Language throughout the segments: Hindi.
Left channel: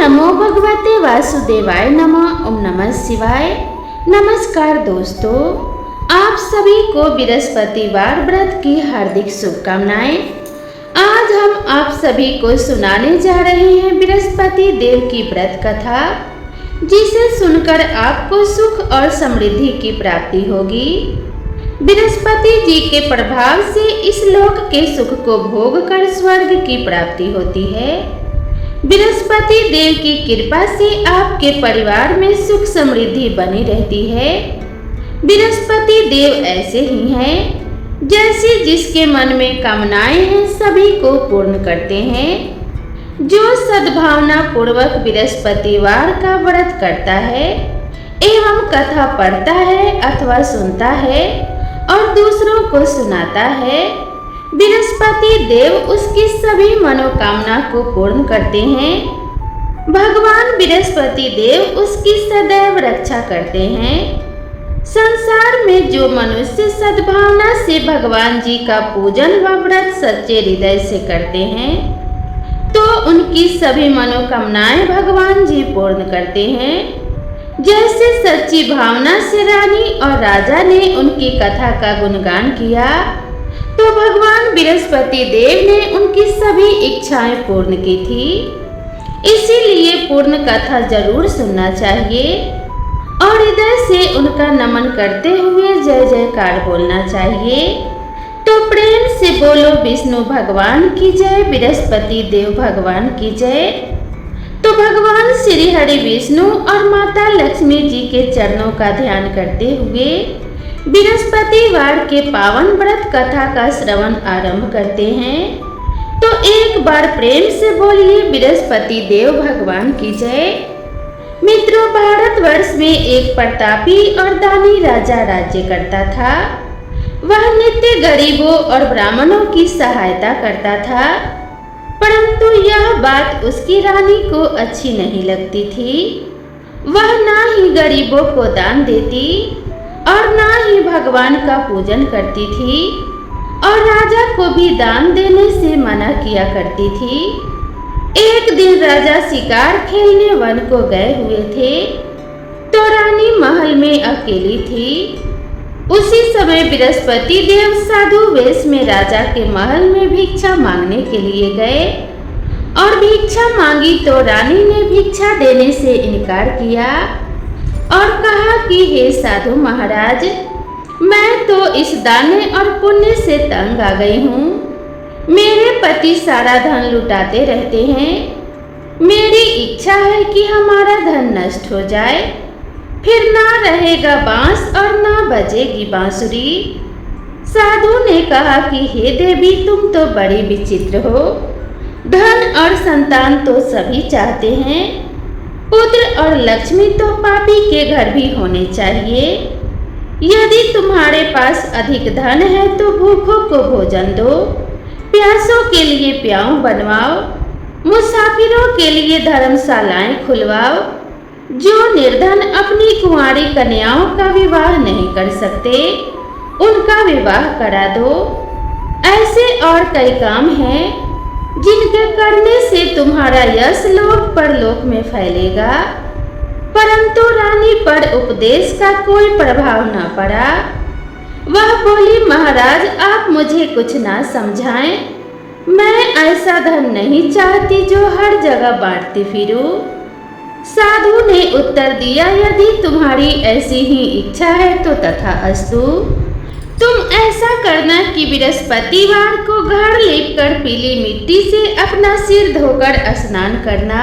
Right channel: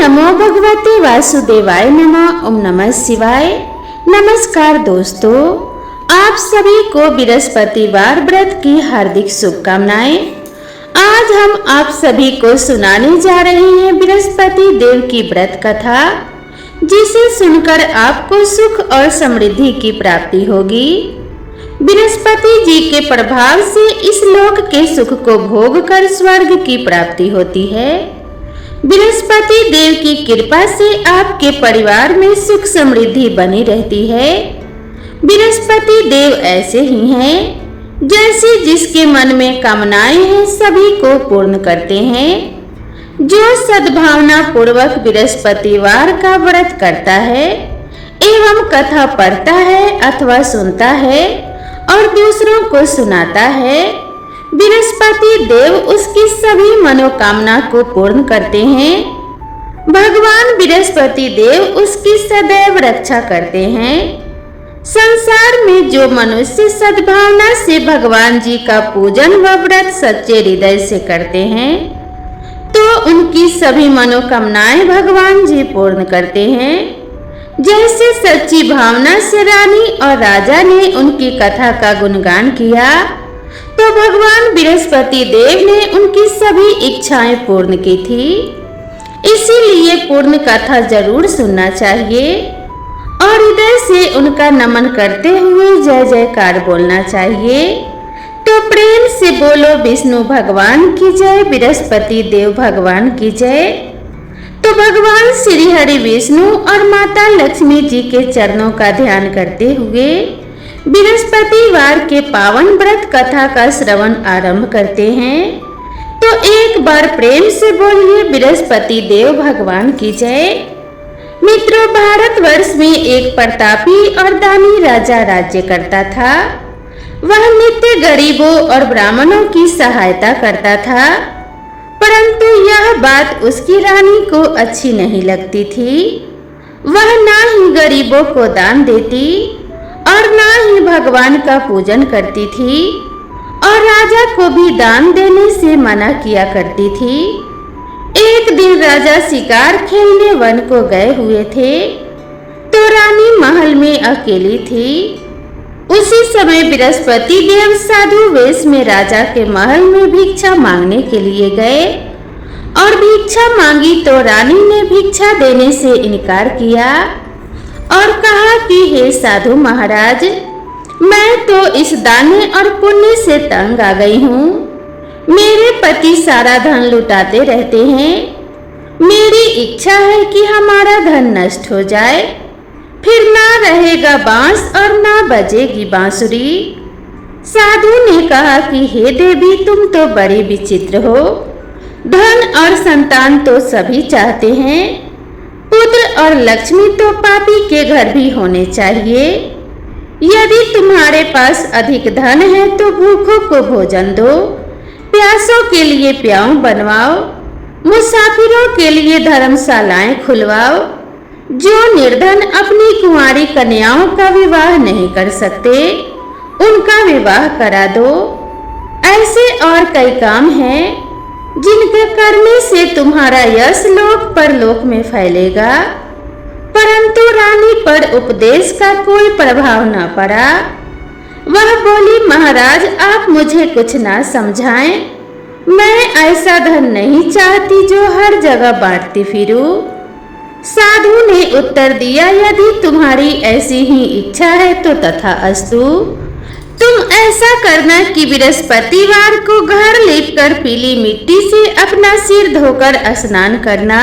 नमो भगवते वासुदेवाय नमः। ओम नमः शिवाय। नमस्कार दोस्तों, आप सभी को बृहस्पतिवार व्रत की हार्दिक शुभकामनाएं। आज हम आप सभी को सुनाने जा रहे हैं बृहस्पति देव की व्रत कथा, जिसे सुनकर आपको सुख और समृद्धि की प्राप्ति होगी। बृहस्पति जी के प्रभाव से इस लोक के सुख को भोग कर स्वर्ग की प्राप्ति होती है। बृहस्पति देव की कृपा से आपके परिवार में सुख समृद्धि बनी रहती है। बृहस्पति देव ऐसे ही हैं, जैसे जिसके मन में कामनाएं हैं सभी को पूर्ण करते हैं। जो सद्भावना पूर्वक बृहस्पतिवार का व्रत करता है एवं कथा पढ़ता है अथवा सुनता है और दूसरों को सुनाता है, बृहस्पति देव उसकी सभी मनोकामना को पूर्ण करते हैं। भगवान बृहस्पति देव उसकी सदैव रक्षा करते हैं। संसार में जो मनुष्य सद्भावना से भगवान जी का पूजन व व्रत सच्चे हृदय से करते हैं, तो उनकी सभी मनोकामनाएं भगवान जी पूर्ण करते हैं। जैसे सच्ची भावना से रानी और राजा ने उनकी कथा का गुणगान किया, तो भगवान बृहस्पति देव ने उनकी सभी इच्छाएं पूर्ण की थी। इसीलिए पूर्ण कथा जरूर सुनना चाहिए और हृदय से उनका नमन करते हुए जय जयकार बोलना चाहिए। तो प्रेम से बोलो विष्णु भगवान की जय, बृहस्पति देव भगवान की जय। तो भगवान श्री हरि विष्णु और माता लक्ष्मी जी के चरणों का ध्यान करते हुए बृहस्पतिवार के पावन व्रत कथा का श्रवण आरंभ करते हैं। तो एक बार प्रेम से बोलिए बृहस्पति देव भगवान की जय। मित्रों, भारतवर्ष में एक प्रतापी और दानी राजा राज्य करता था। वह नित्य गरीबों और ब्राह्मणों की सहायता करता था, परंतु यह बात उसकी रानी को अच्छी नहीं लगती थी। वह ना ही गरीबों को दान देती और ना ही भगवान का पूजन करती थी और राजा को भी दान देने से मना किया करती थी। एक दिन राजा शिकार खेलने वन को गए हुए थे, तो रानी महल में अकेली थी। उसी समय बृहस्पति देव साधु वेश में राजा के महल में भिक्षा मांगने के लिए गए और भिक्षा मांगी तो रानी ने भिक्षा देने से इनकार किया और कहा कि हे साधु महाराज, मैं तो इस दाने और पुण्य से तंग आ गई हूँ। मेरे पति सारा धन लुटाते रहते हैं। मेरी इच्छा है कि हमारा धन नष्ट हो जाए, फिर ना रहेगा बांस और ना बजेगी बांसुरी। साधु ने कहा कि हे देवी, तुम तो बड़ी विचित्र हो। धन और संतान तो सभी चाहते हैं, पुत्र और लक्ष्मी तो पापी के घर भी होने चाहिए। यदि तुम्हारे पास अधिक धन है तो भूखों को भोजन दो, प्यासों के लिए प्याऊ बनवाओ, मुसाफिरों के लिए धर्मशालाएं खुलवाओ। जो निर्धन अपनी कुंवारी कन्याओं का विवाह नहीं कर सकते, उनका विवाह करा दो। ऐसे और कई काम हैं जिनके करने से तुम्हारा यश लोक परलोक में फैलेगा। परंतु रानी पर उपदेश का कोई प्रभाव न पड़ा। वह बोली, महाराज, आप मुझे कुछ ना समझाएं। मैं ऐसा धन नहीं चाहती जो हर जगह बांटती फिरूं। साधु ने उत्तर दिया, यदि तुम्हारी ऐसी ही इच्छा है तो तथास्तु। तुम ऐसा करना कि बृहस्पतिवार को घर लेपकर पीली मिट्टी से अपना सिर धोकर स्नान करना,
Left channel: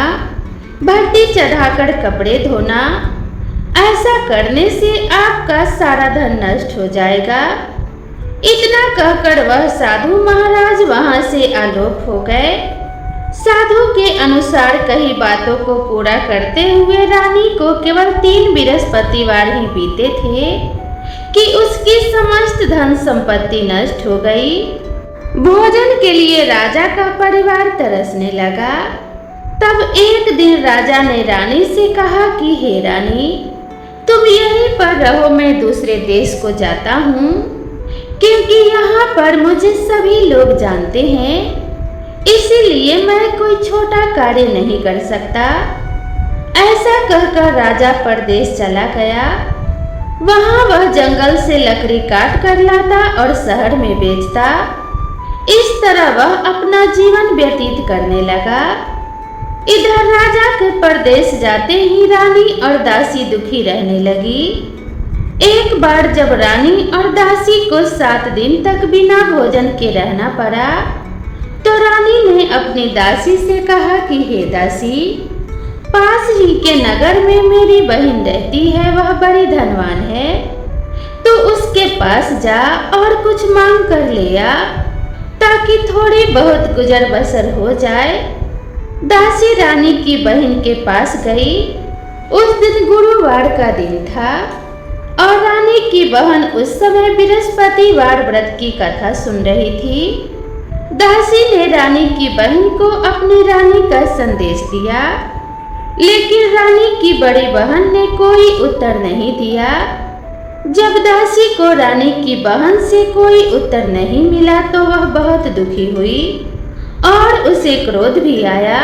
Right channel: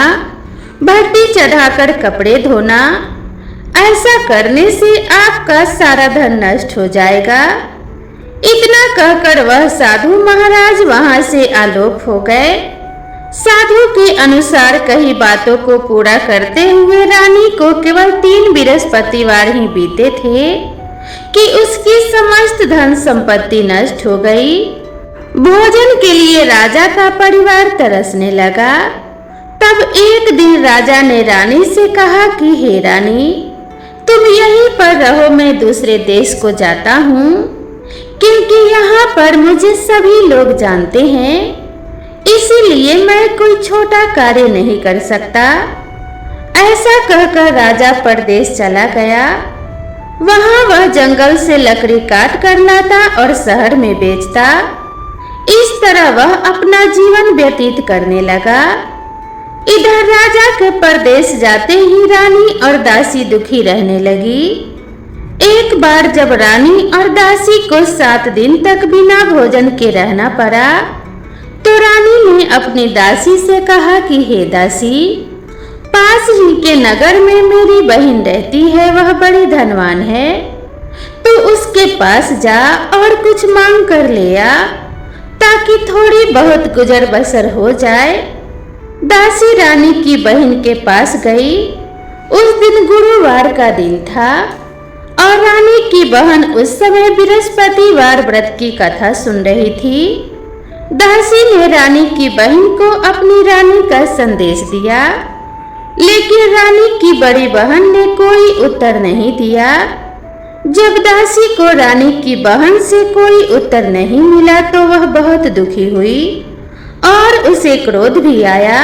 भट्टी चढ़ाकर कपड़े धोना। ऐसा करने से आपका सारा धन नष्ट हो जाएगा। इतना कहकर वह साधु महाराज वहां से आलोप हो गए। साधु के अनुसार कही बातों को पूरा करते हुए रानी को केवल 3 बृहस्पतिवार ही बीते थे कि उसकी समस्त धन संपत्ति नष्ट हो गई। भोजन के लिए राजा का परिवार तरसने लगा। तब एक दिन राजा ने रानी से कहा कि हे रानी, तुम यहीं पर रहो, मैं दूसरे देश को जाता हूँ, क्योंकि यहाँ पर मुझे सभी लोग जानते हैं। इसीलिए मैं कोई छोटा कार्य नहीं कर सकता। ऐसा कहकर राजा परदेश चला गया। वहां वह जंगल से लकड़ी काट कर लाता और शहर में बेचता। इस तरह वह अपना जीवन व्यतीत करने लगा। इधर राजा के परदेश जाते ही रानी और दासी दुखी रहने लगी। एक बार जब रानी और दासी को 7 दिन तक बिना भोजन के रहना पड़ा, तो रानी ने अपनी दासी से कहा कि हे दासी, पास ही के नगर में मेरी बहन रहती है, वह बड़ी धनवान है, तो उसके पास जा और कुछ मांग कर ले आ, ताकि थोड़ी बहुत गुजर बसर हो जाए। दासी रानी की बहन के पास गई। उस दिन गुरुवार का दिन था और रानी की बहन उस समय बृहस्पतिवार व्रत की कथा सुन रही थी। दासी ने रानी की बहन को अपनी रानी का संदेश दिया, लेकिन रानी की बड़ी बहन ने कोई उत्तर नहीं दिया। जब दासी को रानी की बहन से कोई उत्तर नहीं मिला तो वह बहुत दुखी हुई और उसे क्रोध भी आया।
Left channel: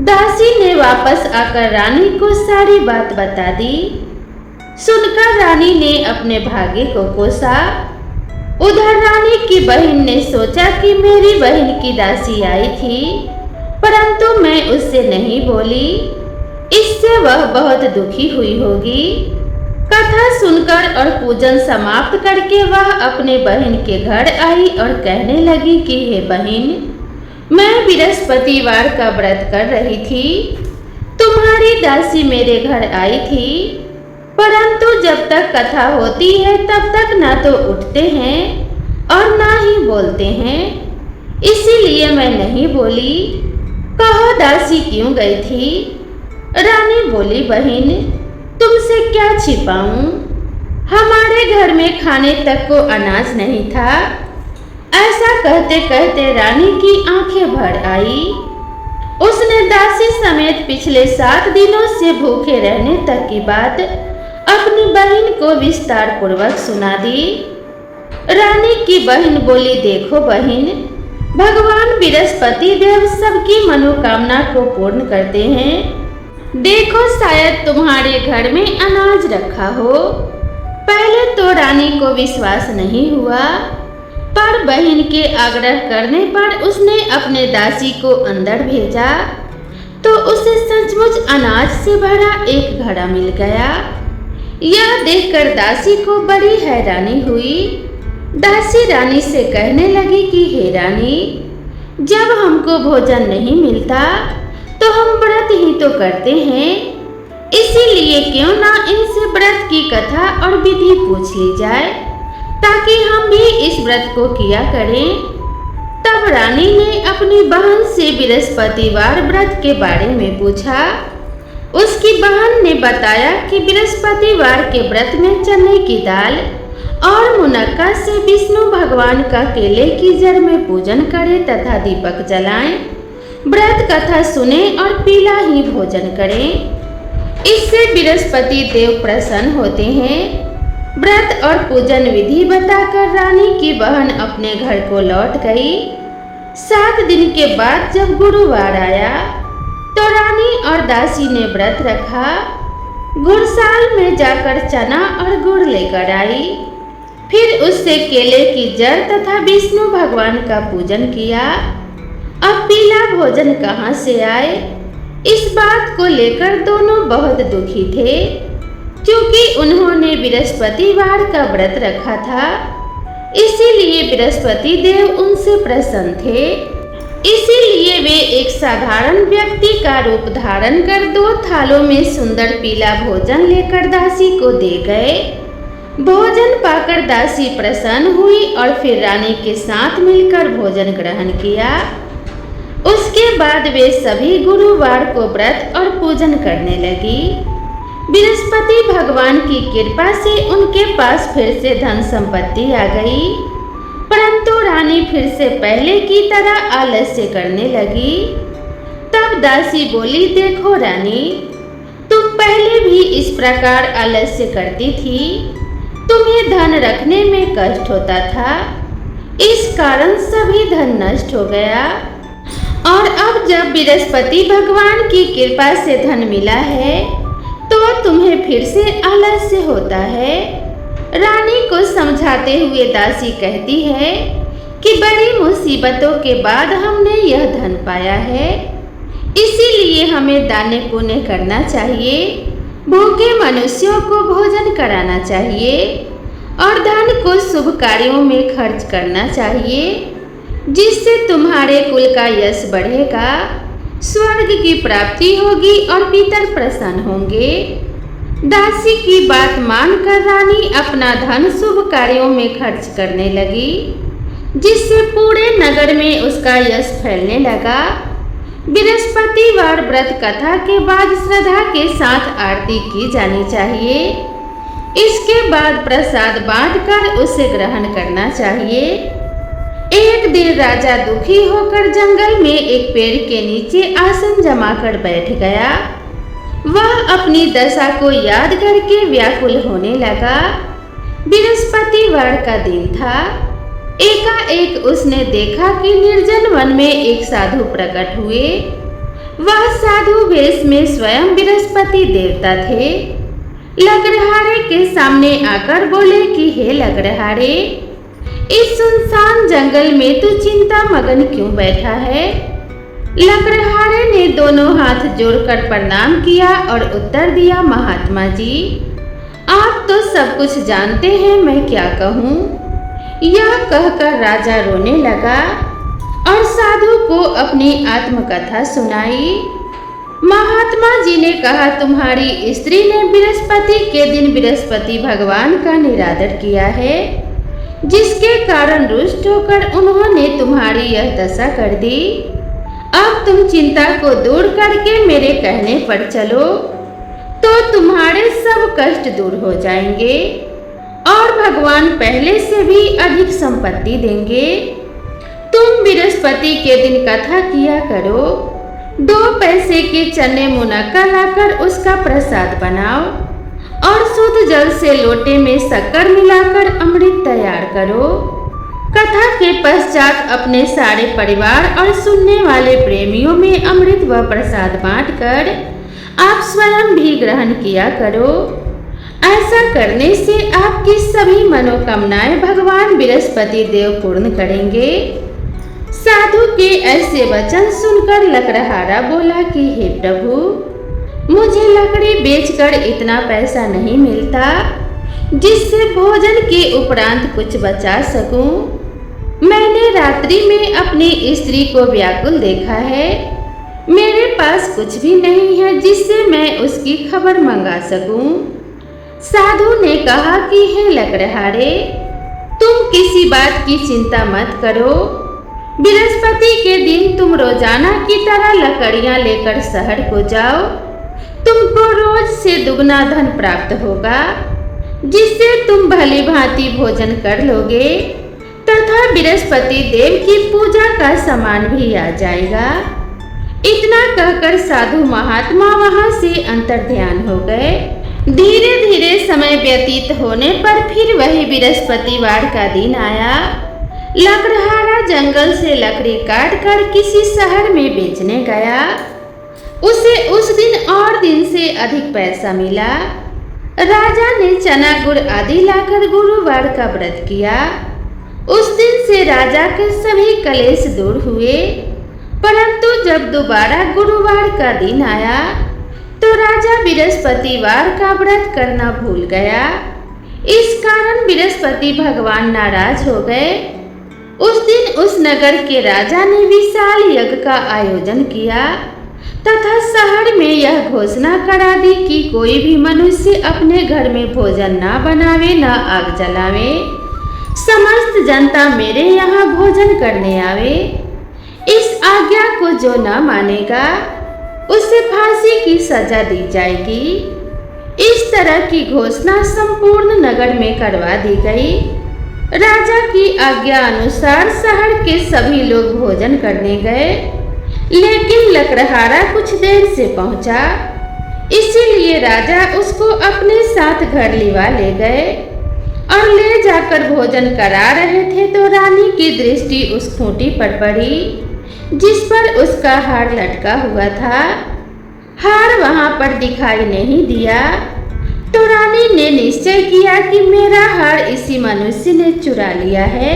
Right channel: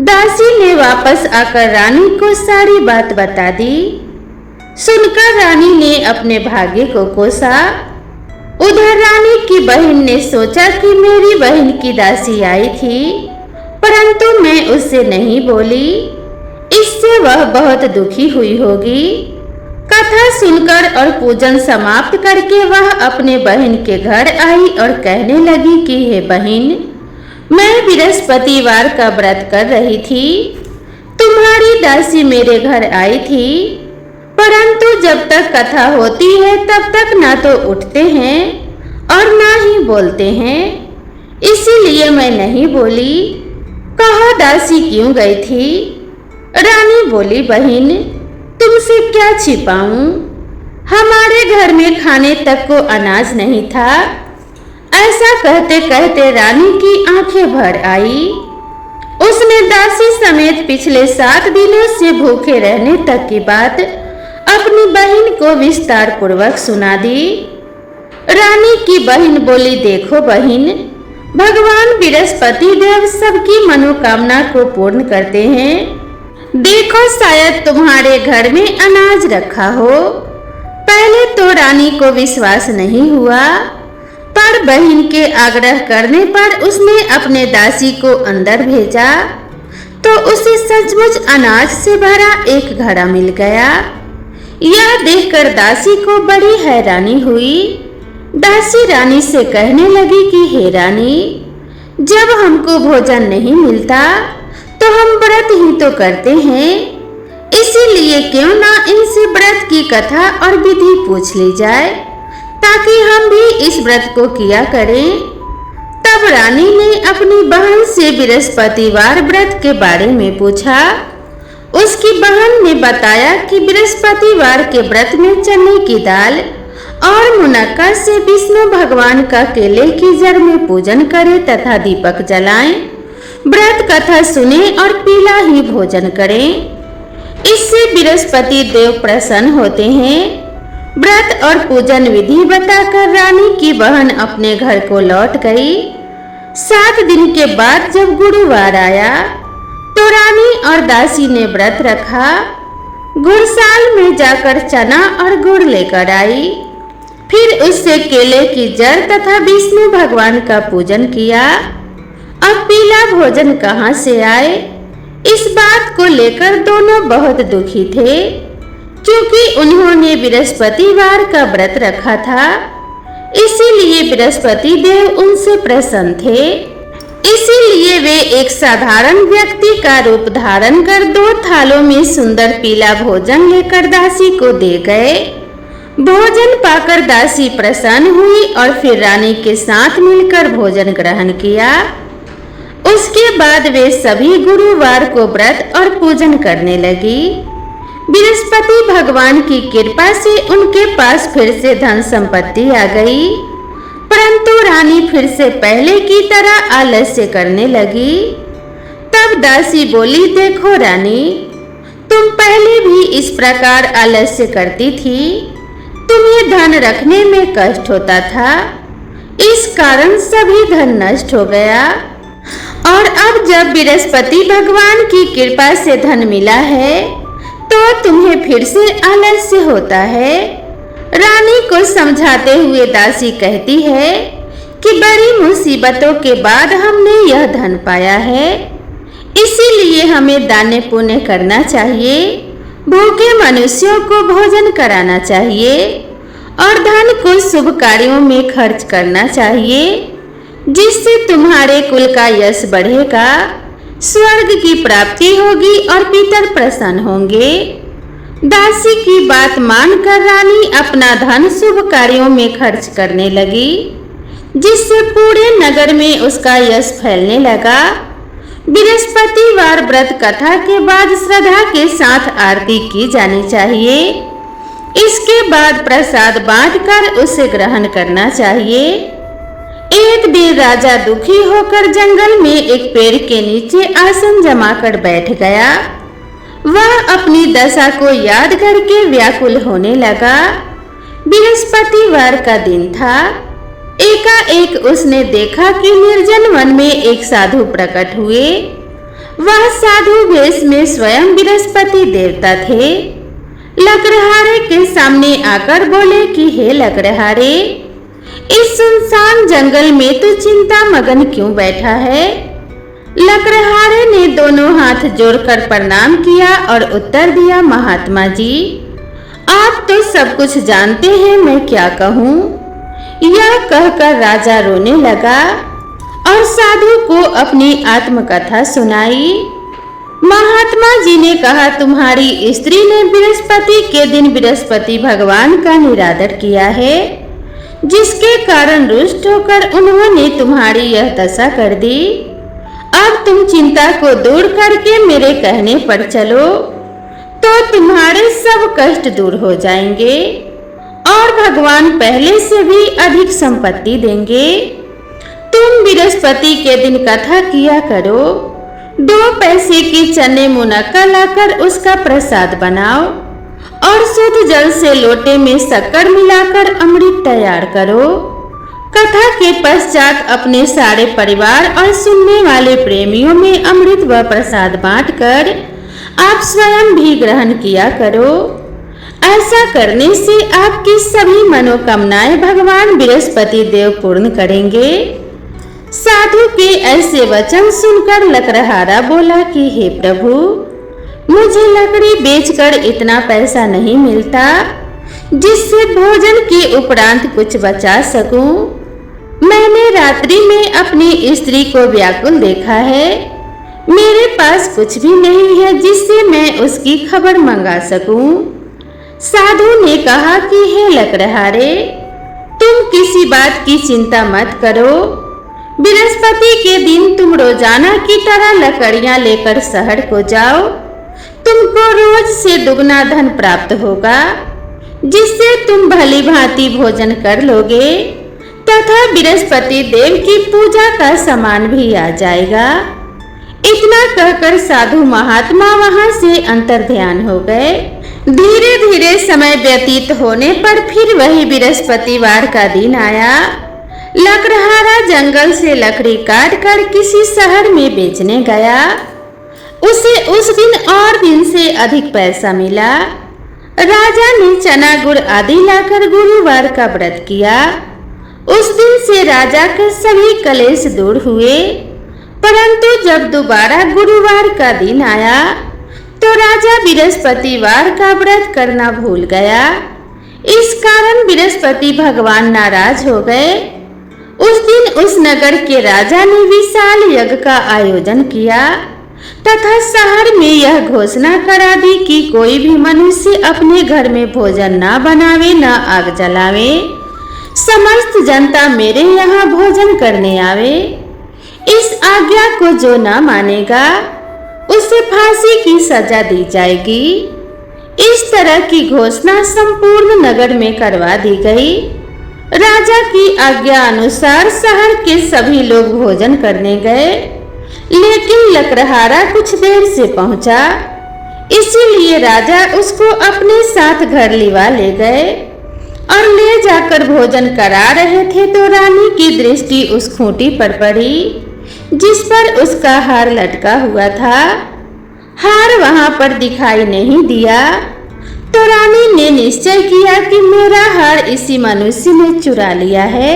दासी ने वापस आकर रानी को सारी बात बता दी। सुनकर रानी ने अपने भाग्य को कोसा। उधर रानी की बहन ने सोचा कि मेरी बहन की दासी आई थी, परंतु मैं उससे नहीं बोली, इससे वह बहुत दुखी हुई होगी। कथा सुनकर और पूजन समाप्त करके वह अपने बहन के घर आई और कहने लगी कि हे बहन, मैं बृहस्पतिवार का व्रत कर रही थी। तुम्हारी दासी मेरे घर आई थी, परंतु जब तक कथा होती है तब तक ना तो उठते हैं और ना ही बोलते हैं, इसीलिए मैं नहीं बोली। कहो दासी क्यों गई थी? रानी बोली, बहन तुमसे क्या छिपाऊं, हमारे घर में खाने तक को अनाज नहीं था। ऐसा कहते कहते रानी की आंखें भर आई। उसने दासी समेत पिछले 7 दिनों से भूखे रहने तक की बात अपनी बहन को विस्तार पूर्वक सुना दी। रानी की बहन बोली, देखो बहन, भगवान बृहस्पति देव सबकी मनोकामना को पूर्ण करते हैं। देखो शायद तुम्हारे घर में अनाज रखा हो। पहले तो रानी को विश्वास नहीं हुआ, पर बहन के आग्रह करने पर उसने अपने दासी को अंदर भेजा तो उसे सचमुच अनाज से भरा एक घड़ा मिल गया। यह देखकर दासी को बड़ी हैरानी हुई। दासी रानी से कहने लगी कि हे रानी, जब हमको भोजन नहीं मिलता तो हम व्रत ही तो करते हैं, इसीलिए क्यों ना इनसे व्रत की कथा और विधि पूछ ली जाए, ताकि हम भी इस व्रत को किया करें। तब रानी ने अपनी बहन से बृहस्पतिवार व्रत के बारे में पूछा। उसकी बहन ने बताया कि बृहस्पतिवार के व्रत में चने की दाल और मुनक्का से विष्णु भगवान का केले की जड़ में पूजन करें तथा दीपक जलाएं, व्रत कथा सुने और पीला ही भोजन करें। इससे बृहस्पति देव प्रसन्न होते हैं। व्रत और पूजन विधि बताकर रानी की बहन अपने घर को लौट गई। 7 दिन के बाद जब गुरुवार आया तो रानी और दासी ने व्रत रखा। गुड़साल में जाकर चना और गुड़ लेकर आई, फिर उससे केले की जड़ तथा विष्णु भगवान का पूजन किया। अब पीला भोजन कहाँ से आए, इस बात को लेकर दोनों बहुत दुखी थे, क्योंकि उन्होंने बृहस्पतिवार का व्रत रखा था, इसीलिए बृहस्पति देव उनसे प्रसन्न थे। इसीलिए वे एक साधारण व्यक्ति का रूप धारण कर 2 थालों में सुंदर पीला भोजन लेकर दासी को दे गए। भोजन पाकर दासी प्रसन्न हुई और फिर रानी के साथ मिलकर भोजन ग्रहण किया। उसके बाद वे सभी गुरुवार को व्रत और पूजन करने लगी। बृहस्पति भगवान की कृपा से उनके पास फिर से धन संपत्ति आ गई, परंतु रानी फिर से पहले की तरह आलस्य करने लगी। तब दासी बोली, देखो रानी, तुम पहले भी इस प्रकार आलस्य करती थी, तुम्हें धन रखने में कष्ट होता था, इस कारण सभी धन नष्ट हो गया। और अब जब बृहस्पति भगवान की कृपा से धन मिला है तो तुम्हें फिर से आलस्य होता है। रानी को समझाते हुए दासी कहती है कि बड़ी मुसीबतों के बाद हमने यह धन पाया है, इसीलिए हमें दान पुण्य करना चाहिए, भूखे मनुष्यों को भोजन कराना चाहिए और धन को शुभ कार्यों में खर्च करना चाहिए, जिससे तुम्हारे कुल का यश बढ़ेगा, स्वर्ग की प्राप्ति होगी और पितर प्रसन्न होंगे। दासी की बात मानकर रानी अपना धन शुभ कार्यों में खर्च करने लगी, जिससे पूरे नगर में उसका यश फैलने लगा। बृहस्पतिवार व्रत कथा के बाद श्रद्धा के साथ आरती की जानी चाहिए। इसके बाद प्रसाद बांटकर उसे ग्रहण करना चाहिए। एक दिन राजा दुखी होकर जंगल में एक पेड़ के नीचे आसन जमाकर बैठ गया। वह अपनी दशा को याद करके व्याकुल होने लगा। बृहस्पतिवार का दिन था। एकाएक उसने देखा कि निर्जन वन में एक साधु प्रकट हुए। वह साधु वेश में स्वयं बृहस्पति देवता थे। लकड़हारे के सामने आकर बोले कि हे लकड़हारे, इस सुनसान जंगल में तू चिंता मगन क्यों बैठा है? लकड़हारे ने दोनों हाथ जोड़कर प्रणाम किया और उत्तर दिया, महात्मा जी, आप तो सब कुछ जानते हैं, मैं क्या कहूँ? यह कहकर राजा रोने लगा और साधु को अपनी आत्मकथा सुनाई। महात्मा जी ने कहा, तुम्हारी स्त्री ने बृहस्पति के दिन बृहस्पति भगवान का निरादर किया है, जिसके कारण रुष्ट होकर उन्होंने तुम्हारी यह दशा कर दी। अब तुम चिंता को दूर करके मेरे कहने पर चलो तो तुम्हारे सब कष्ट दूर हो जाएंगे और भगवान पहले से भी अधिक संपत्ति देंगे। तुम बृहस्पति के दिन कथा किया करो। 2 पैसे के चने मुनक्का लाकर उसका प्रसाद बनाओ और शुद्ध जल से लोटे में शक्कर मिलाकर अमृत तैयार करो। कथा के पश्चात अपने सारे परिवार और सुनने वाले प्रेमियों में अमृत व प्रसाद बांटकर आप स्वयं भी ग्रहण किया करो। ऐसा करने से आपकी सभी मनोकामनाएं भगवान बृहस्पति देव पूर्ण करेंगे। साधु के ऐसे वचन सुनकर लकड़हारा बोला कि हे प्रभु, मुझे लकड़ी बेचकर इतना पैसा नहीं मिलता जिससे भोजन के उपरांत कुछ बचा सकूं। मैंने रात्रि में अपनी स्त्री को व्याकुल देखा है। मेरे पास कुछ भी नहीं है जिससे मैं उसकी खबर मंगा सकूं। साधु ने कहा कि हे लकड़हारे, तुम किसी बात की चिंता मत करो। बृहस्पति के दिन तुम रोजाना की तरह लकड़ियां लेकर शहर को जाओ। तुमको रोज से दुगना धन प्राप्त होगा, जिससे तुम भली भांति भोजन कर लोगे तथा बृहस्पति देव की पूजा का सामान भी आ जाएगा। इतना कहकर साधु महात्मा वहां से अंतर्ध्यान हो गए। धीरे धीरे समय व्यतीत होने पर फिर वही बृहस्पतिवार का दिन आया। लकड़हारा जंगल से लकड़ी काट कर किसी शहर में बेचने गया। उसे उस दिन और दिन से अधिक पैसा मिला। राजा ने चना गुड़ आदि लाकर गुरुवार का व्रत किया। उस दिन से राजा के सभी कलेश दूर हुए। परंतु जब दोबारा गुरुवार का दिन आया तो राजा बृहस्पतिवार का व्रत करना भूल गया। इस कारण बृहस्पति भगवान नाराज हो गए। उस दिन उस नगर के राजा ने विशाल यज्ञ का आयोजन किया तथा शहर में यह घोषणा करा दी कि कोई भी मनुष्य अपने घर में भोजन न बनावे न आग जलावे। समस्त जनता मेरे यहाँ भोजन करने आवे। इस आज्ञा को जो न मानेगा उसे फांसी की सजा दी जाएगी। इस तरह की घोषणा संपूर्ण नगर में करवा दी गई। राजा की आज्ञा अनुसार शहर के सभी लोग भोजन करने गए, लेकिन लकड़हारा कुछ देर से पहुंचा, इसीलिए राजा उसको अपने साथ घर लिवा ले गए और ले जाकर भोजन करा रहे थे तो रानी की दृष्टि उस खूंटी पर पड़ी। जिस पर उसका हार लटका हुआ था। हार वहां पर दिखाई नहीं दिया तो रानी ने निश्चय किया कि मेरा हार इसी मनुष्य ने चुरा लिया है।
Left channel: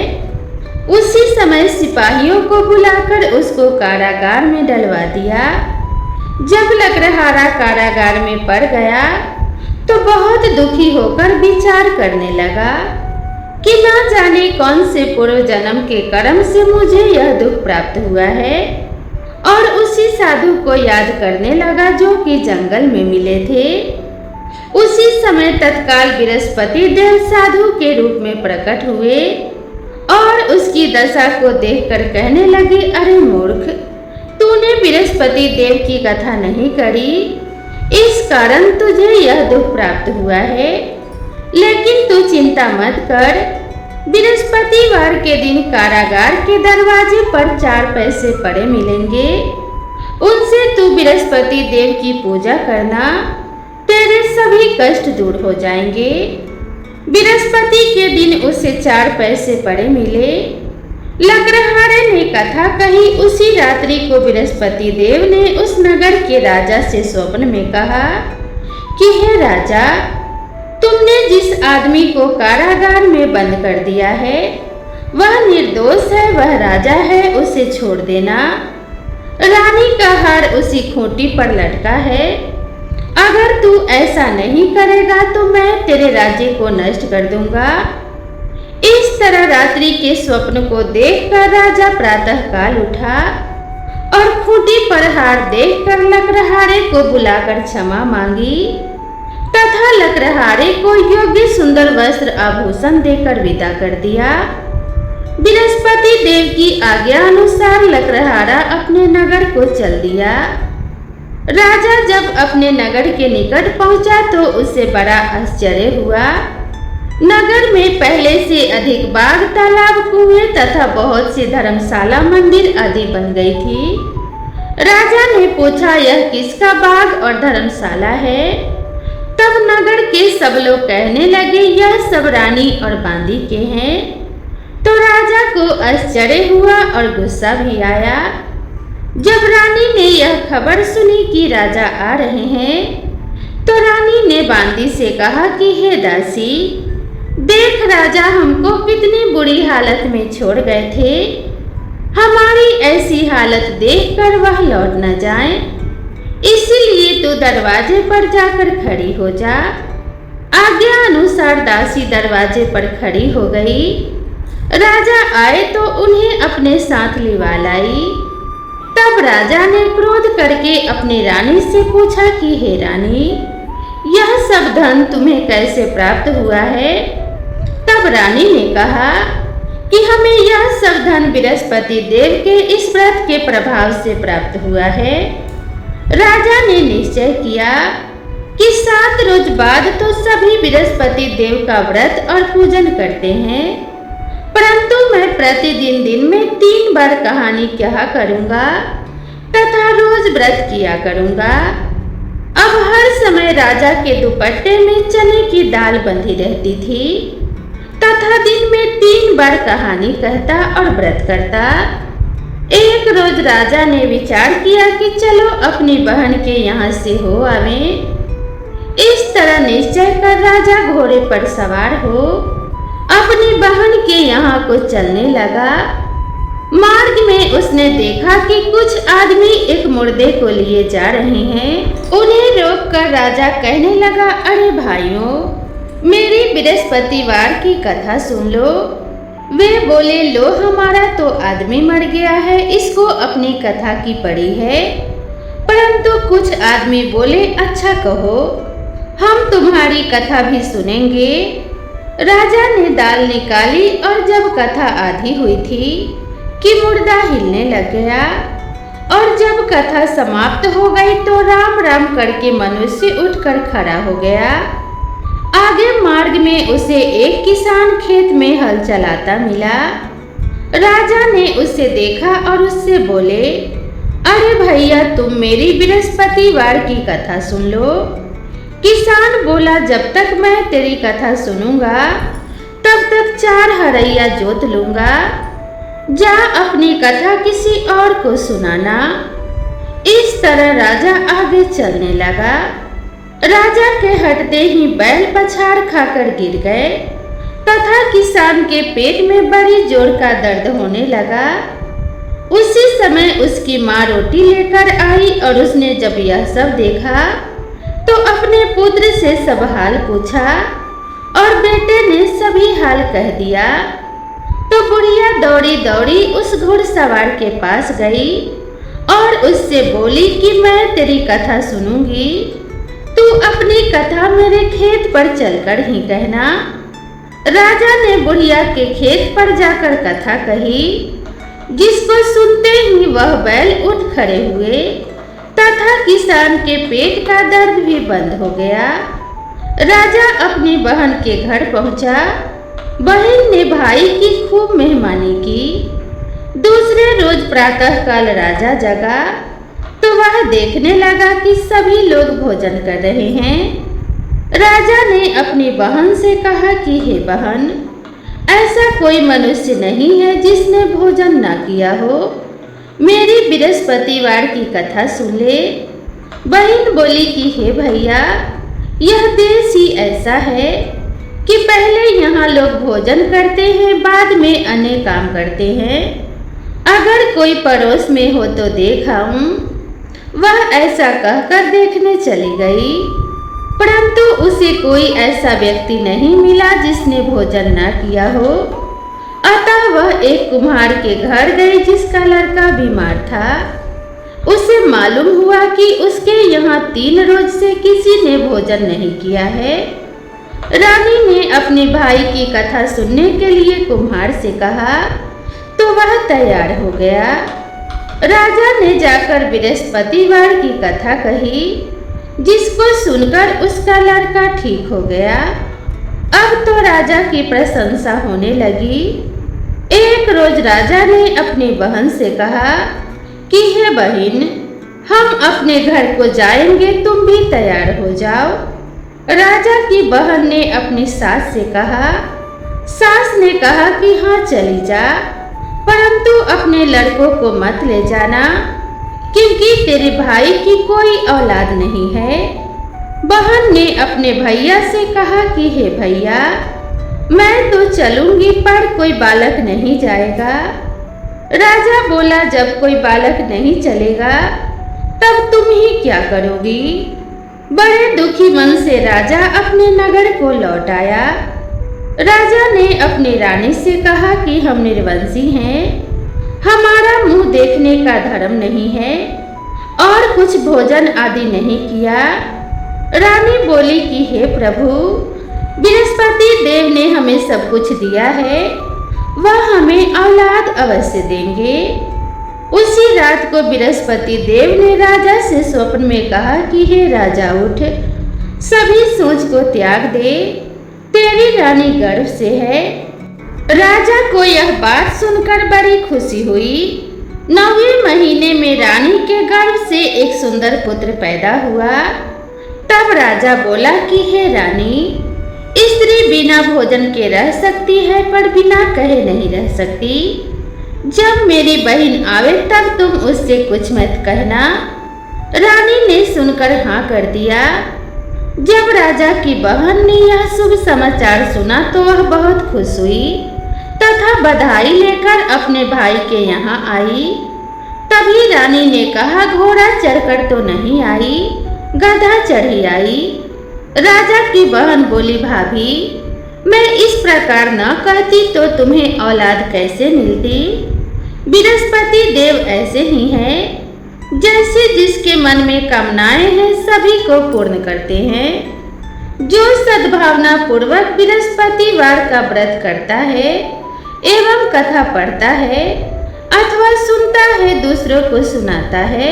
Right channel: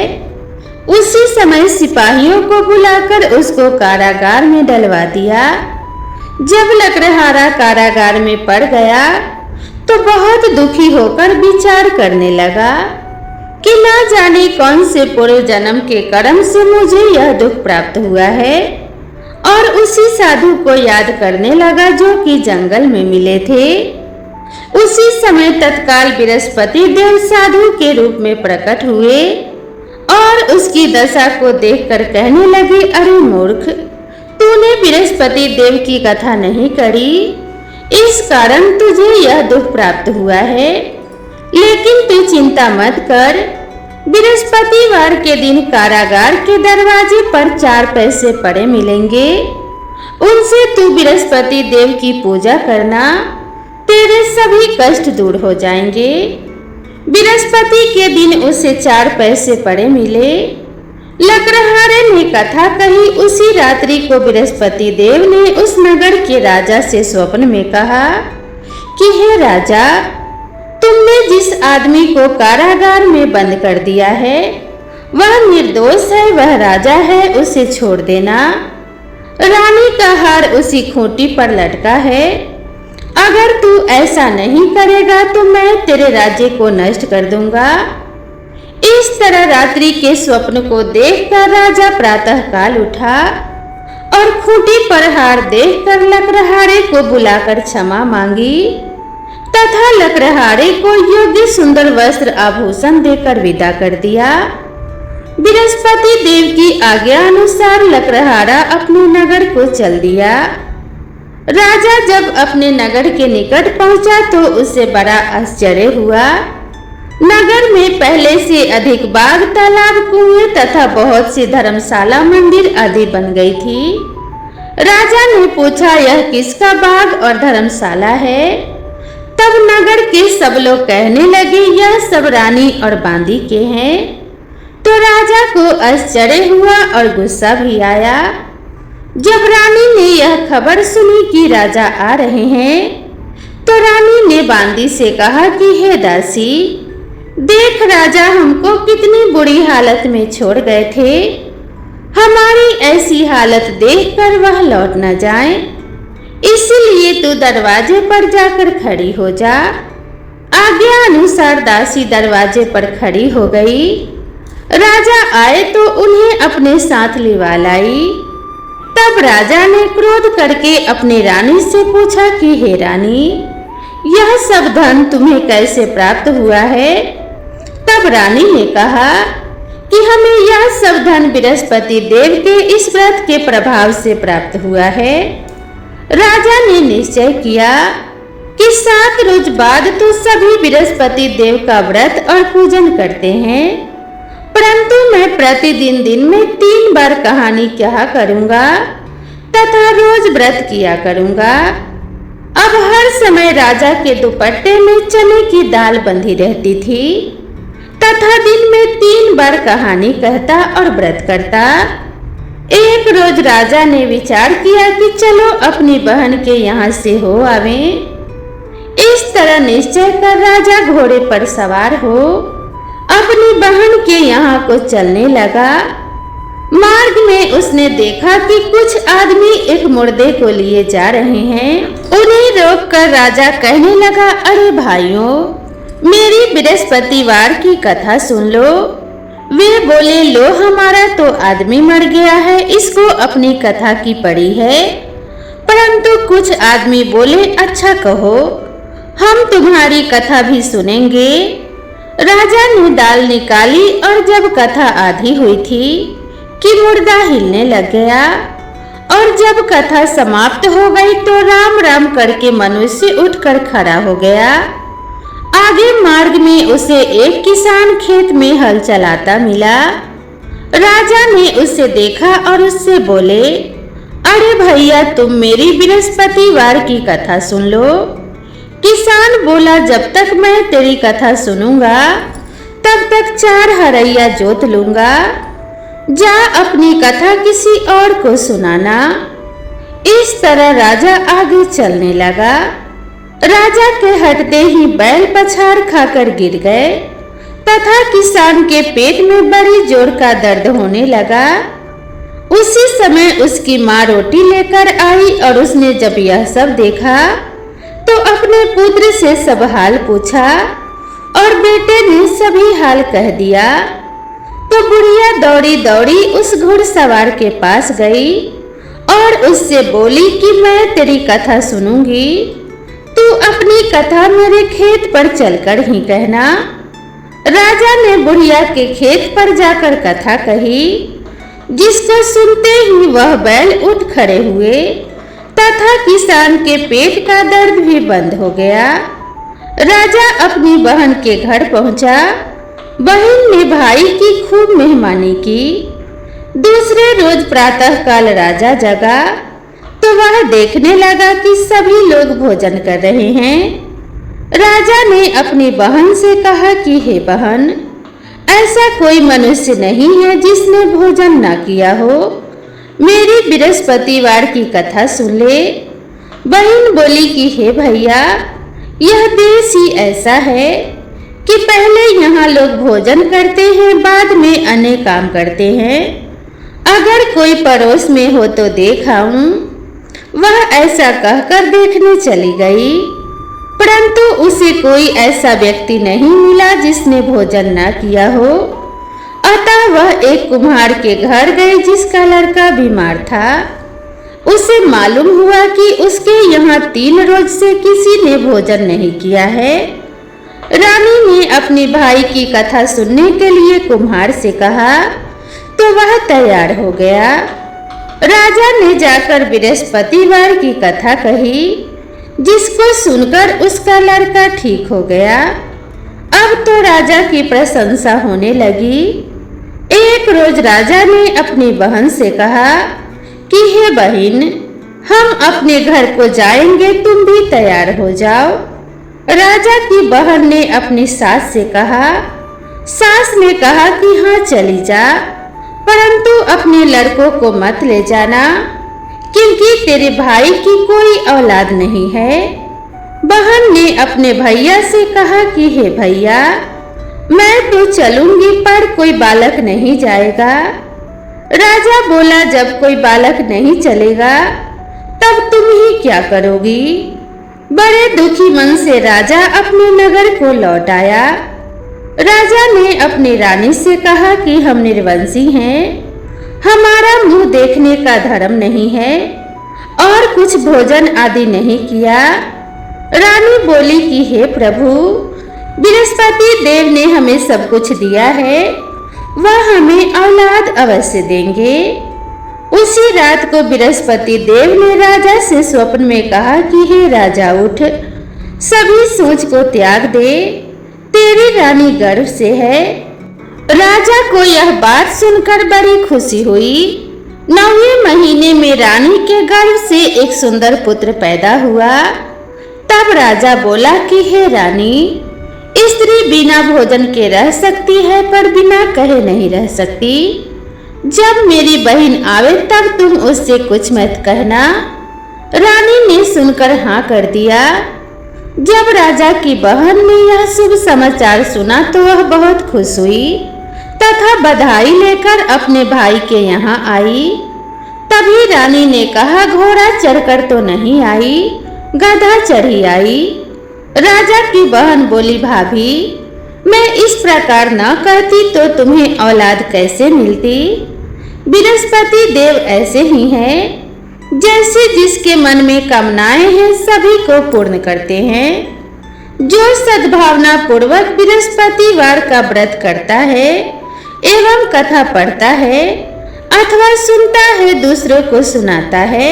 उसी समय सिपाहियों को बुलाकर उसको कारागार में डलवा दिया। जब लकड़हारा कारागार में पड़ गया तो बहुत दुखी होकर विचार करने लगा कि न जाने कौन से पूर्व जन्म के कर्म से मुझे यह दुख प्राप्त हुआ है, और उसी साधु को याद करने लगा जो कि जंगल में मिले थे। उसी समय तत्काल बृहस्पति देव साधु के रूप में प्रकट हुए और उसकी दशा को देखकर कहने लगे, अरे मूर्ख, तूने बृहस्पति देव की कथा नहीं करी, इस कारण तुझे यह दुख प्राप्त हुआ है। लेकिन तू चिंता मत कर, बृहस्पतिवार के दिन कारागार के दरवाजे पर 4 पैसे पड़े मिलेंगे, उनसे तू बृहस्पति देव की पूजा करना, तेरे सभी कष्ट दूर हो जाएंगे। बृहस्पति के दिन उसे 4 पैसे पड़े मिले। लकड़हारे ने कथा कही। उसी रात्रि को बृहस्पति देव ने उस नगर के राजा से स्वप्न में कहा कि हे राजा, तुमने जिस आदमी को कारागार में बंद कर दिया है वह निर्दोष है, वह राजा है, उसे छोड़ देना। रानी का हार उसी खूंटी पर लटका है। अगर तू ऐसा नहीं करेगा तो मैं तेरे राज्य को नष्ट कर दूंगा। इस तरह रात्रि के स्वप्न को देखकर राजा प्रातः काल उठा और खूंटी पर हार देखकर लकड़हारे को बुलाकर क्षमा मांगी तथा लकड़हारे को योग्य सुंदर वस्त्र आभूषण देकर विदा कर दिया। बृहस्पति देव की आज्ञा अनुसार लकड़हारा अपने नगर को चल दिया। राजा जब अपने नगर के निकट पहुंचा तो उसे बड़ा आश्चर्य हुआ। नगर में पहले से अधिक बाग, तालाब, कुएं तथा बहुत सी धर्मशाला, मंदिर आदि बन गई थी। राजा ने पूछा, यह किसका बाग और धर्मशाला है? तब नगर के सब लोग कहने लगे, यह सब रानी और बांदी के हैं। तो राजा को आश्चर्य हुआ और गुस्सा भी आया। जब रानी ने यह खबर सुनी कि राजा आ रहे हैं तो रानी ने बांदी से कहा कि हे दासी, देख राजा हमको कितनी बुरी हालत में छोड़ गए थे। हमारी ऐसी हालत देखकर वह लौट न जाए, इसलिए तू दरवाजे पर जाकर खड़ी हो जा। आज्ञा अनुसार दासी दरवाजे पर खड़ी हो गई। राजा आए तो उन्हें अपने साथ लिवा लाई। तब राजा ने क्रोध करके अपनी रानी से पूछा कि हे रानी, यह सब धन तुम्हें कैसे प्राप्त हुआ है? तब रानी ने कहा कि हमें यह सब धन बृहस्पति देव के इस व्रत के प्रभाव से प्राप्त हुआ है। राजा ने निश्चय किया कि 7 रोज बाद तो सभी बृहस्पति देव का व्रत और पूजन करते हैं, परंतु मैं प्रतिदिन दिन में 3 बार कहानी कहा करूंगा तथा रोज व्रत किया करूंगा। अब हर समय राजा के दुपट्टे में चने की दाल बंधी रहती थी तथा दिन में 3 बार कहानी कहता और व्रत करता। एक रोज राजा ने विचार किया कि चलो अपनी बहन के यहाँ से हो आवें। इस तरह निश्चय कर राजा घोड़े पर सवार हो अपनी बहन के यहाँ को चलने लगा। मार्ग में उसने देखा कि कुछ आदमी एक मुर्दे को लिए जा रहे हैं। उन्हें रोककर राजा कहने लगा, अरे भाइयों, मेरी बृहस्पतिवार की कथा सुन लो। वे बोले, लो हमारा तो आदमी मर गया है, इसको अपनी कथा की पड़ी है। परंतु कुछ आदमी बोले, अच्छा कहो, हम तुम्हारी कथा भी सुनेंगे। राजा ने दाल निकाली और जब कथा आधी हुई थी कि मुर्दा हिलने लग गया और जब कथा समाप्त हो गई तो राम राम करके मनुष्य उठकर खड़ा हो गया। आगे मार्ग में उसे एक किसान खेत में हल चलाता मिला। राजा ने उसे देखा और उससे बोले, अरे भैया, तुम मेरी बृहस्पतिवार की कथा सुन लो। किसान बोला, जब तक मैं तेरी कथा सुनूंगा तब तक 4 हरैया जोत लूंगा। जा अपनी कथा किसी और को सुनाना। इस तरह राजा आगे चलने लगा। राजा के हटते ही बैल पछाड़ खाकर गिर गए तथा किसान के पेट में बड़ी जोर का दर्द होने लगा। उसी समय उसकी माँ रोटी लेकर आई और उसने जब यह सब देखा तो अपने पुत्र से सब हाल पूछा और बेटे ने सभी हाल कह दिया। तो बुढ़िया दौड़ी दौड़ी उस घुड़सवार के पास गई और उससे बोली कि मैं तेरी कथा सुनूंगी, तू अपनी कथा मेरे खेत पर चलकर ही कहना। राजा ने बुढ़िया के खेत पर जाकर कथा कही, जिसको सुनते ही वह बैल उठ खड़े हुए तथा किसान के पेट का दर्द भी बंद हो गया। राजा अपनी बहन के घर पहुंचा। बहन ने भाई की खूब मेहमानी की। दूसरे रोज प्रातःकाल राजा जगा तो वह देखने लगा कि सभी लोग भोजन कर रहे हैं। राजा ने अपनी बहन से कहा कि हे बहन, ऐसा कोई मनुष्य नहीं है जिसने भोजन न किया हो, मेरी बृहस्पतिवार की कथा सुन ले। बहन बोली कि हे भैया, यह देश ही ऐसा है कि पहले यहाँ लोग भोजन करते हैं, बाद में अन्य काम करते हैं। अगर कोई पड़ोस में हो तो देख आऊं। वह ऐसा कहकर देखने चली गई, परंतु उसे कोई ऐसा व्यक्ति नहीं मिला जिसने भोजन न किया हो। अतः वह एक कुम्हार के घर गई जिसका लड़का बीमार था। उसे मालूम हुआ कि उसके यहाँ 3 रोज से किसी ने भोजन नहीं किया है। रानी ने अपने भाई की कथा सुनने के लिए कुम्हार से कहा तो वह तैयार हो गया। राजा ने जाकर बृहस्पतिवार की कथा कही, जिसको सुनकर उसका लड़का ठीक हो गया। अब तो राजा की प्रशंसा होने लगी। एक रोज राजा ने अपनी बहन से कहा कि हे बहन, हम अपने घर को जाएंगे, तुम भी तैयार हो जाओ। राजा की बहन ने अपनी सास से कहा। सास ने कहा कि हाँ चली जा, परंतु अपने लड़कों को मत ले जाना, क्योंकि तेरे भाई की कोई औलाद नहीं है। बहन ने अपने भैया से कहा कि हे भैया, मैं तो चलूंगी पर कोई बालक नहीं जाएगा। राजा बोला, जब कोई बालक नहीं चलेगा तब तुम ही क्या करोगी। बड़े दुखी मन से राजा अपने नगर को लौट आया। राजा ने अपनी रानी से कहा कि हम निर्वंशी हैं, हमारा मुंह देखने का धर्म नहीं है और कुछ भोजन आदि नहीं किया। रानी बोली कि हे प्रभु, बृहस्पति देव ने हमें सब कुछ दिया है, वह हमें औलाद अवश्य देंगे। उसी रात को बृहस्पति देव ने राजा से स्वप्न में कहा कि हे राजा, उठ, सभी सोच को त्याग दे, तेरी रानी गर्भ से है। राजा को यह बात सुनकर बड़ी खुशी हुई। 9वें महीने में रानी के गर्भ से एक सुंदर पुत्र पैदा हुआ। तब राजा बोला कि हे रानी, स्त्री बिना भोजन के रह सकती है पर बिना कहे नहीं रह सकती। जब मेरी बहन आवे तब तुम उससे कुछ मत कहना। रानी ने सुनकर हाँ कर दिया। जब राजा की बहन ने यह शुभ समाचार सुना तो वह बहुत खुश हुई तथा बधाई लेकर अपने भाई के यहाँ आई। तभी रानी ने कहा, घोड़ा चढ़कर तो नहीं आई, गधा चढ़ी आई। राजा की बहन बोली, भाभी, मैं इस प्रकार न कहती तो तुम्हें औलाद कैसे मिलती। बृहस्पति देव ऐसे ही हैं, जैसे जिसके मन में कामनाएं हैं सभी को पूर्ण करते हैं। जो सद्भावना पूर्वक बृहस्पतिवार का व्रत करता है एवं कथा पढ़ता है अथवा सुनता है, दूसरों को सुनाता है,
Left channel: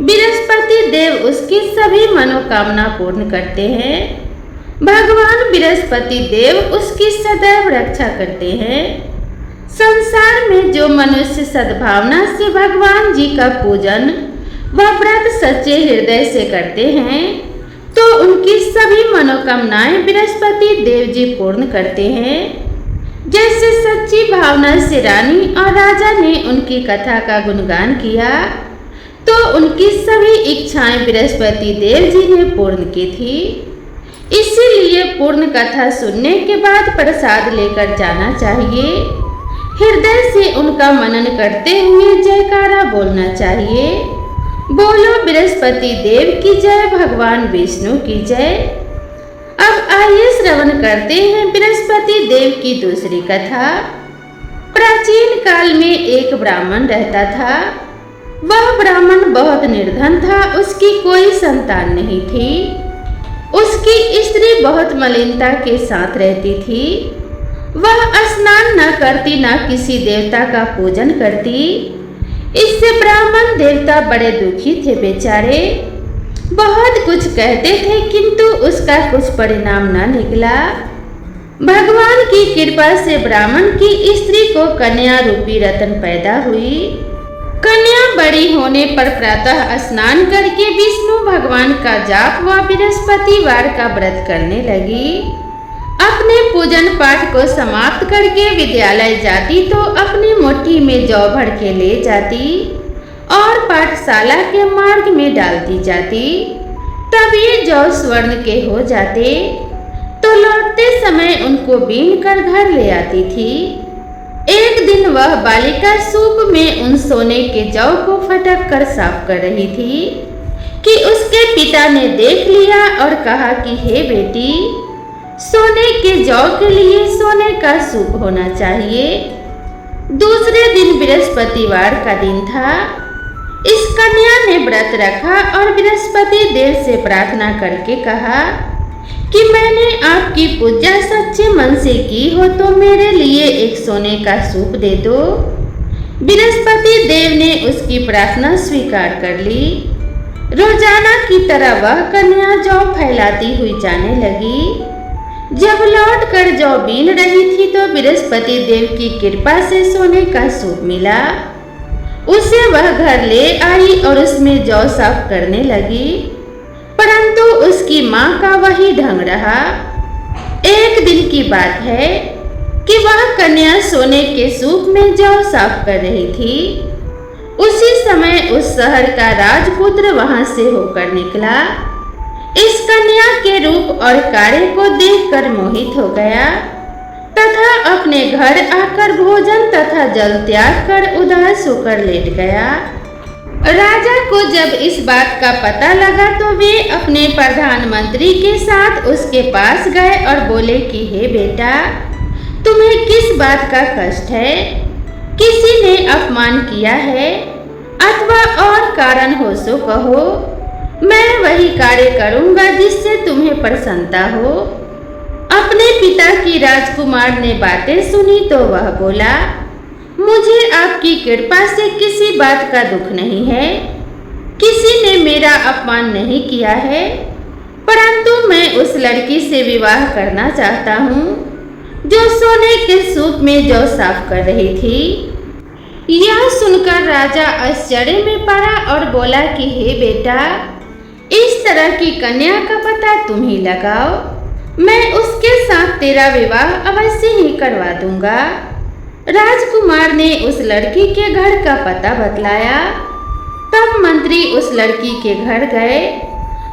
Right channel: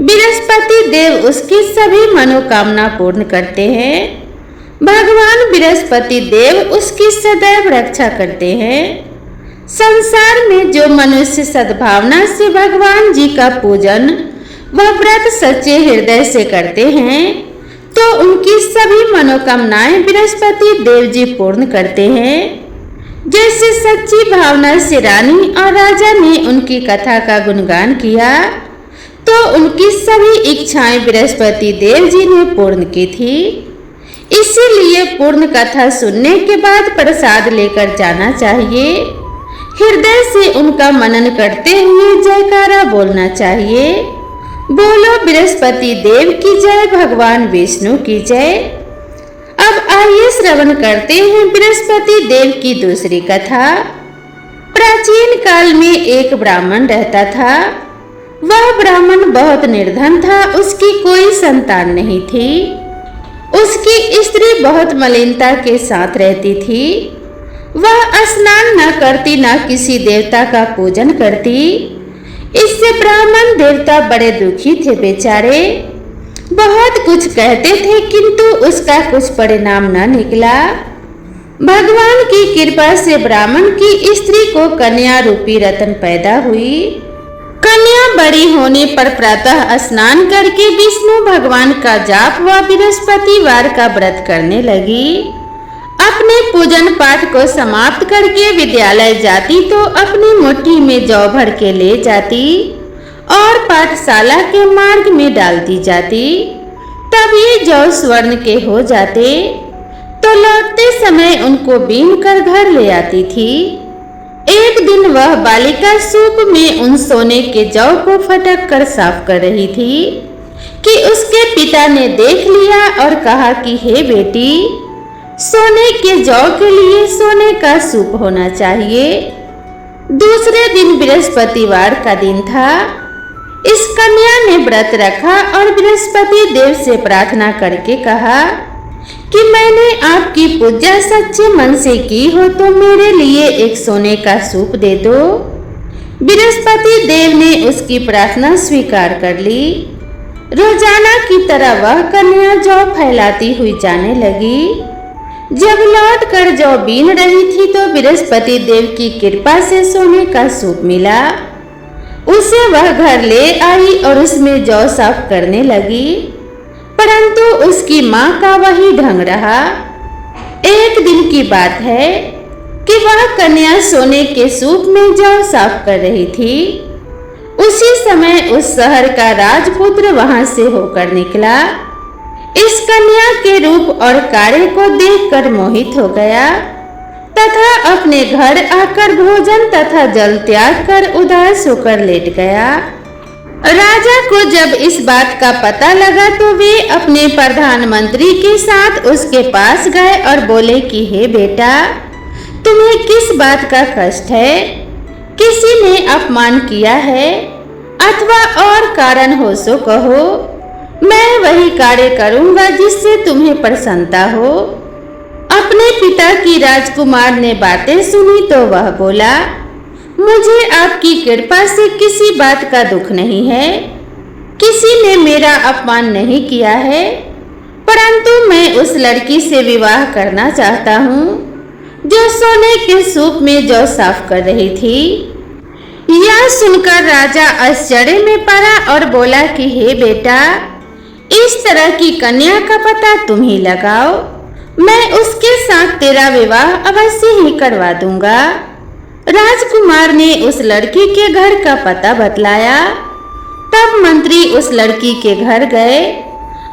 बृहस्पति देव उसकी सभी मनोकामना पूर्ण करते हैं। भगवान बृहस्पति देव उसकी सदैव रक्षा करते हैं। संसार में जो मनुष्य सद्भावना से भगवान जी का पूजन व व्रत सच्चे हृदय से करते हैं तो उनकी सभी मनोकामनाएं बृहस्पति देव जी पूर्ण करते हैं। जैसे सच्ची भावना से रानी और राजा ने उनकी कथा का गुणगान किया तो उनकी सभी इच्छाएं बृहस्पति देव जी ने पूर्ण की थी। इसीलिए पूर्ण कथा सुनने के बाद प्रसाद लेकर जाना चाहिए। हृदय से उनका मनन करते हुए जयकारा बोलना चाहिए। बोलो बृहस्पति देव की जय, भगवान विष्णु की जय। अब आइए श्रवण करते हैं बृहस्पति देव की दूसरी कथा। प्राचीन काल में एक ब्राह्मण रहता था। वह ब्राह्मण बहुत निर्धन था, उसकी कोई संतान नहीं थी। उसकी स्त्री बहुत मलिनता के साथ रहती थी। वह स्नान न करती, न किसी देवता का पूजन करती। इससे ब्राह्मण देवता बड़े दुखी थे बेचारे। बहुत कुछ कहते थे किंतु उसका कुछ परिणाम न निकला। भगवान की कृपा से ब्राह्मण की स्त्री को कन्या रूपी रत्न पैदा हुई। कन्या बड़ी होने पर प्रातः स्नान करके विष्णु भगवान का जाप व बृहस्पतिवार का व्रत करने लगी। अपने पूजन पाठ को समाप्त करके विद्यालय जाती तो अपनी मुट्ठी में जौ भर के ले जाती और पाठशाला के मार्ग में डालती जाती। तब ये जौ स्वर्ण के हो जाते तो लौटते समय उनको बीन कर घर ले आती थी। एक दिन वह बालिका सूप में उन सोने के जौ को फटक कर साफ कर रही थी कि उसके पिता ने देख लिया और कहा कि हे बेटी, सोने के जौ के लिए सोने का सूप होना चाहिए। दूसरे दिन बृहस्पतिवार का दिन था। इस कन्या ने व्रत रखा और बृहस्पति देव से प्रार्थना करके कहा कि मैंने आपकी पूजा सच्चे मन से की हो तो मेरे लिए एक सोने का सूप दे दो। बृहस्पति देव ने उसकी प्रार्थना स्वीकार कर ली। रोजाना की तरह वह कन्या जौ फैलाती हुई जाने लगी। जब लौट कर जौ बीन रही थी तो बृहस्पति देव की कृपा से सोने का सूप मिला। उसे वह घर ले आई और उसमें जौ साफ करने लगी, परंतु उसकी माँ का वही ढंग रहा। एक दिन की बात है कि वह कन्या सोने के सूप में जौ साफ कर रही थी। उसी समय उस शहर का राजपुत्र वहां से होकर निकला। इस कन्या के रूप और कार्य को देखकर मोहित हो गया तथा अपने घर आकर भोजन तथा जल त्याग कर उदास होकर लेट गया। राजा को जब इस बात का पता लगा तो वे अपने प्रधानमंत्री के साथ उसके पास गए और बोले कि हे बेटा, तुम्हें किस बात का कष्ट है? किसी ने अपमान किया है अथवा और कारण हो सो कहो। मैं वही कार्य करूंगा जिससे तुम्हें प्रसन्नता हो। अपने पिता की राजकुमार ने बातें सुनी तो वह बोला, मुझे आपकी कृपा से किसी बात का दुख नहीं है। किसी ने मेरा अपमान नहीं किया है, परंतु मैं उस लड़की से विवाह करना चाहता हूँ जो सोने के सूप में जौ साफ कर रही थी। यह सुनकर राजा आश्चर्य में पड़ा और बोला कि हे बेटा, इस तरह की कन्या का पता तुम ही लगाओ। मैं उसके साथ तेरा विवाह अवश्य ही करवा दूंगा। राजकुमार ने उस लड़की के घर का पता बतलाया। तब मंत्री उस लड़की के घर गए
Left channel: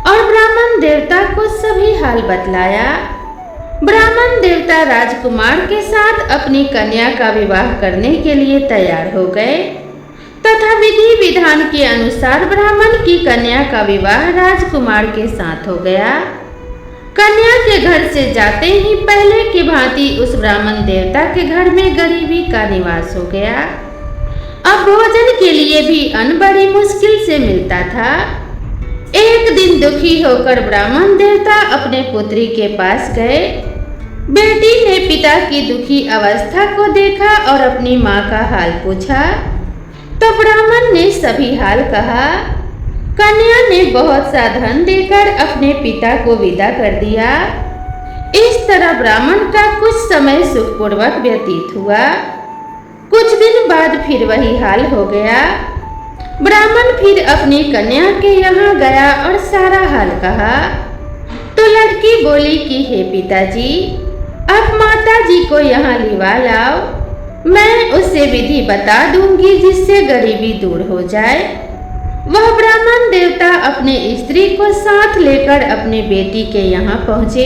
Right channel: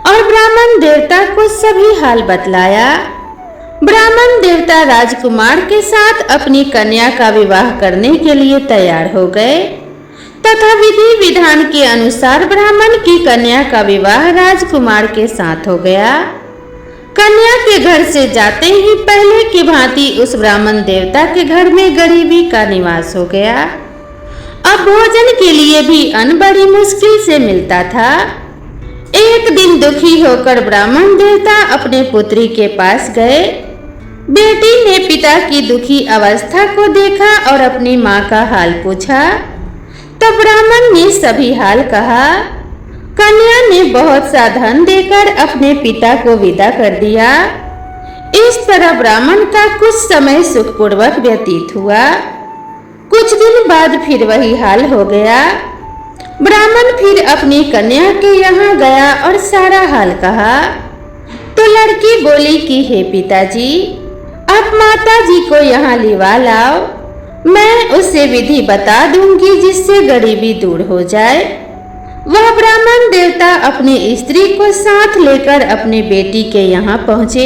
और ब्राह्मण देवता को सभी हाल बतलाया। ब्राह्मण देवता राजकुमार के साथ अपनी कन्या का विवाह करने के लिए तैयार हो गए तथा विधि विधान के अनुसार ब्राह्मण की कन्या का विवाह राजकुमार के साथ हो गया। कन्या के घर से जाते ही पहले की भांति उस ब्राह्मण देवता के घर में गरीबी का निवास हो गया। अब भोजन के लिए भी अन्न बड़ी मुश्किल से मिलता था। एक दिन दुखी होकर ब्राह्मण देवता अपने पुत्री के पास गए। बेटी ने पिता की दुखी अवस्था को देखा और अपनी माँ का हाल पूछा। तब ब्राह्मण ने सभी हाल कहा। कन्या ने बहुत सा धन देकर अपने पिता को विदा कर दिया। इस तरह ब्राह्मण का कुछ समय सुखपूर्वक व्यतीत हुआ। कुछ दिन बाद फिर वही हाल हो गया। ब्राह्मण फिर अपनी कन्या के यहाँ गया और सारा हाल कहा तो लड़की बोली कि हे पिताजी, अब माता जी को यहाँ लिवा लाओ, मैं उसे विधि बता दूंगी जिससे गरीबी दूर हो जाए। वह ब्राह्मण देवता अपने स्त्री को साथ लेकर अपने बेटी के यहाँ पहुँचे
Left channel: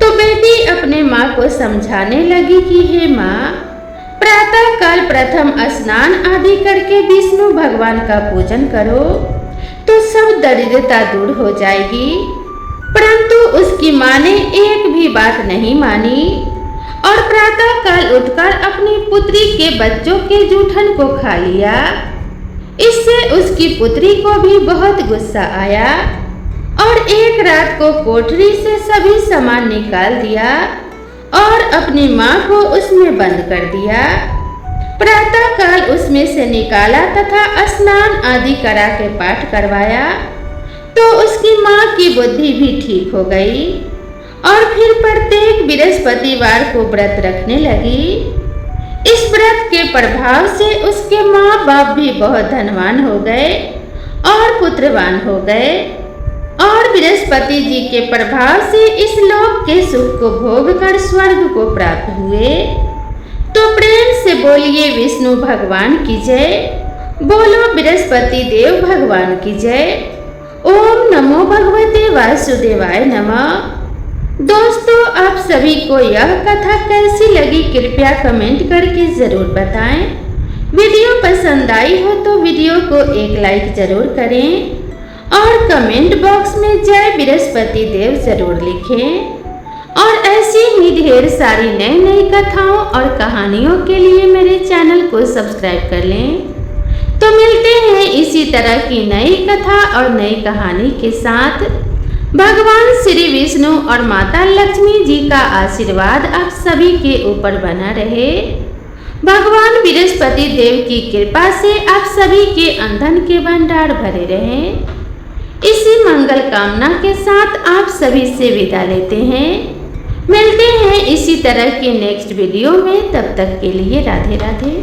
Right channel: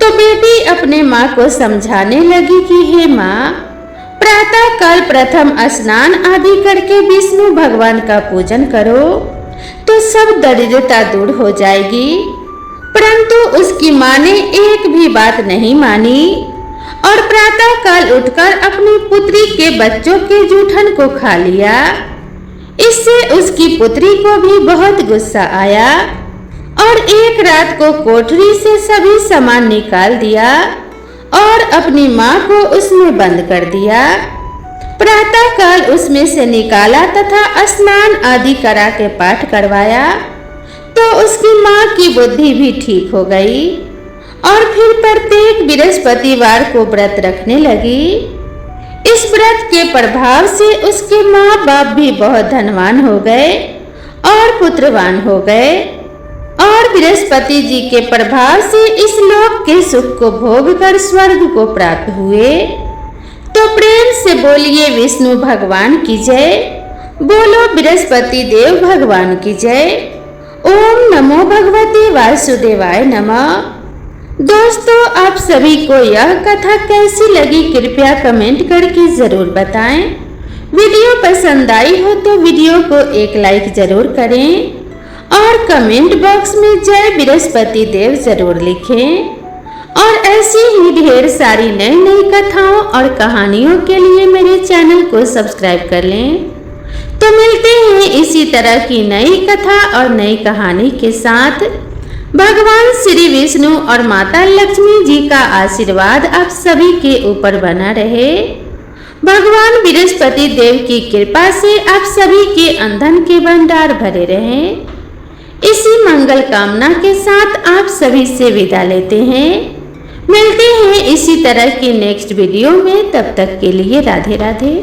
तो बेटी अपने माँ को समझाने लगी कि हे माँ, प्रातः काल प्रथम स्नान आदि करके विष्णु भगवान का पूजन करो तो सब दरिद्रता दूर हो जाएगी। परंतु उसकी माँ ने एक भी बात नहीं मानी और प्रातः काल उठकर अपनी पुत्री के बच्चों के जूठन को खा लिया। इससे उसकी पुत्री को भी बहुत गुस्सा आया और एक रात को कोठरी से सभी सामान निकाल दिया और अपनी माँ को उसमें बंद कर दिया। प्रातः काल उसमें से निकाला तथा स्नान आदि करा के पाठ करवाया तो उसकी माँ की बुद्धि भी ठीक हो गई और फिर प्रत्येक बृहस्पतिवार को व्रत रखने लगी। इस व्रत के प्रभाव से उसके माँ बाप भी बहुत धनवान हो गए और पुत्रवान हो गए और बृहस्पति जी के प्रभाव से इस लोक के सुख को भोग कर स्वर्ग को प्राप्त हुए। तो प्रेम से बोलिए विष्णु भगवान की जय, बोलो बृहस्पति देव भगवान की जय। ओम नमो भगवते वासुदेवाय नमः। दोस्तों, आप सभी को यह कथा कैसी लगी कृपया कमेंट करके जरूर बताएं। वीडियो पसंद आई हो तो वीडियो को एक लाइक जरूर करें और कमेंट बॉक्स में जय बृहस्पति देव जरूर लिखें। और ऐसी ही ढेर सारी नई नई कथाओं और कहानियों के लिए मेरे चैनल को सब्सक्राइब कर लें। तो मिलते हैं इसी तरह की नई कथा और नई कहानी के साथ। भगवान श्री विष्णु और माता लक्ष्मी जी का आशीर्वाद आप सभी के ऊपर बना रहे। भगवान बृहस्पति देव की कृपा से आप सभी के धन के भंडार भरे रहें। इसी मंगल कामना के साथ आप सभी से विदा लेते हैं। मिलते हैं इसी तरह के नेक्स्ट वीडियो में, तब तक के लिए राधे राधे।